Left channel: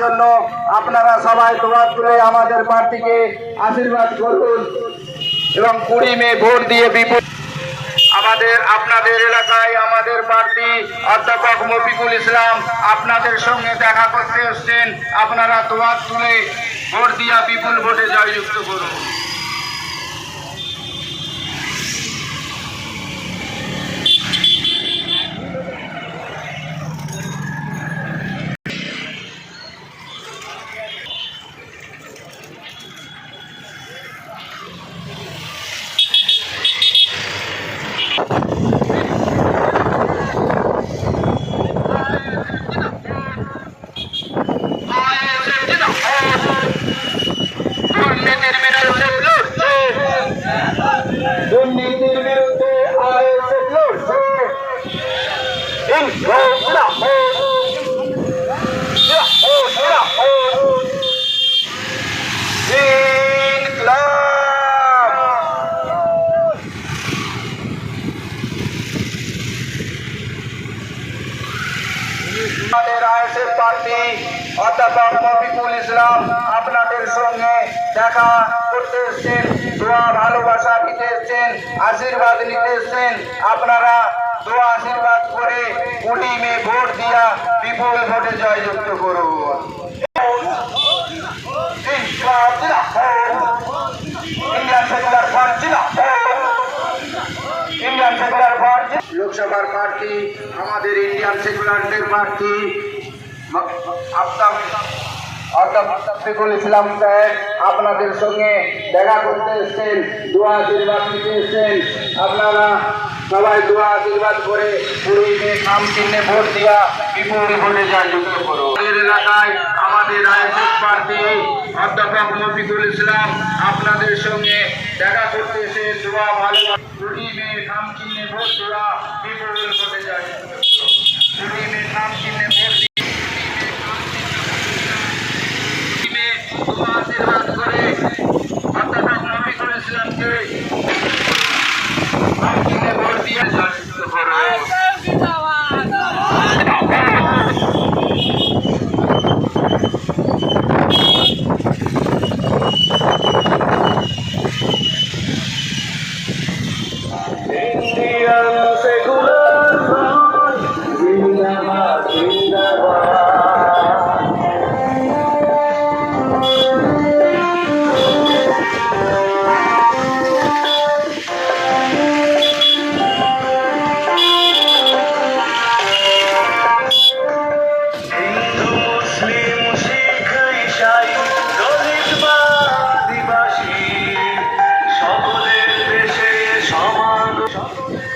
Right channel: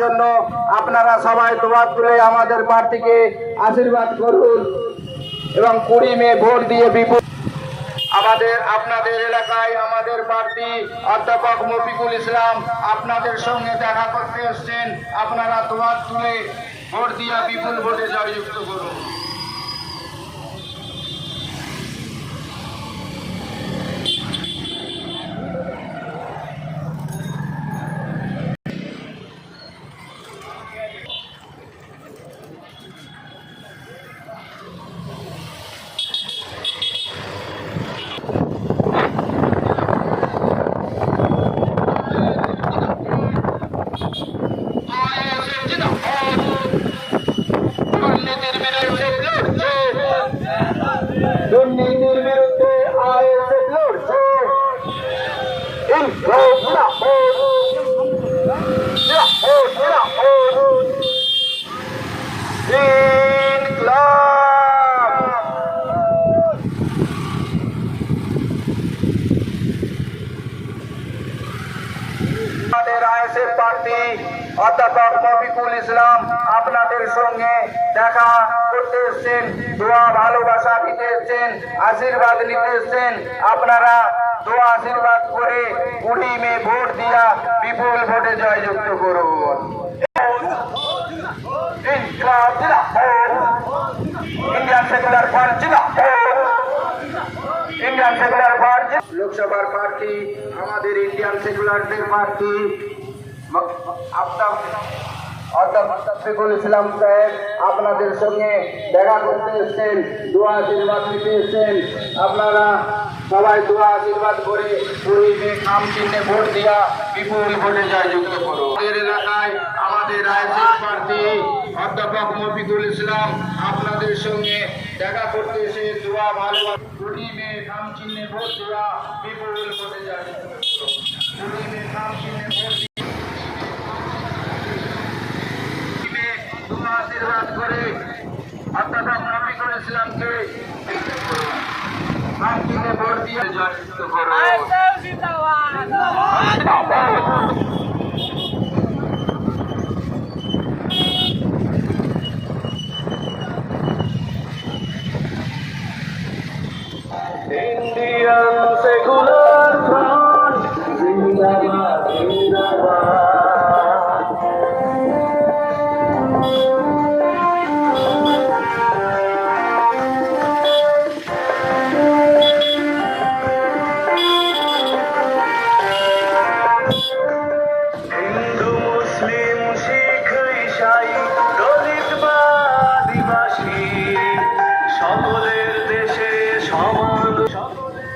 জন্য আপনারা সবাই দোয়া তুলে আমাদের প্রার্থীকে আশীর্বাদ করুন এবং 20 মে ভোট দিয়ে বিপুল আপনাদের এলাকায় আমাদের প্রার্থী অধ্যাপক মফিকুল ইসলাম আপনাদের সঙ্গে দেখা করতে এসছেন। আপনারা দোয়া তুলে ভোট দিয়ে বিপুল ভোটে জয়যুক্ত করুন। দুর্নীতির বিরুদ্ধে আইএসএফ লড়ছে। আমাদের আইএসএফ প্রার্থী অধ্যাপক মফিকুল ইসলাম আপনাদের সঙ্গে দেখা করতে এসছেন, দোয়া ভালোবাসা দিতে এসছেন, আশীর্বাদ নিতে এসছেন। আপনারা দোয়া আশীর্বাদ করে 20 মে ভোট দিয়া বিপুল ভোটে জয়যুক্ত করুন। Indian secular front, Indian secular front লোকসভার প্রার্থী আমাদের ইন্ডিয়ান সেকুলারদের প্রার্থী মফিকুল ইসলাম সাহেব আপনাদের সঙ্গে দেখা করতে এসছেন, দোয়া আশীর্বাদ নিতে এসছেন। আপনারা সবাই দোয়া আশীর্বাদ করে 20 মে নাম চিহ্নে ভোট দিয়া বিপুল ভোটে জয়যুক্ত করুন। এলাকায় আমাদের আইএসএফ প্রার্থী অধ্যাপক মফিকুল ইসলাম আপনাদের সঙ্গে দেখা করতে এসে দোয়া ভালোবাসা 20 মে নাম চিহ্নে ভোট দেওয়া বিপুল ভোটে জয়যুক্ত করুন। 20 মে নাম চিহ্নে ভোট আশীর্বাদ করে অধ্যাপক মফিকুল ইসলামকে ভোট দিয়ে জয়যুক্ত করুন। ইন্ডিয়ান সেকুলার ফ্রন্ট জিন্দাবাদ জিন্দাবাদ। হিন্দু মুসলিম শিখ ঈসাই দলিত বা আদিবাসী সকলের দেশে সমান, সকলের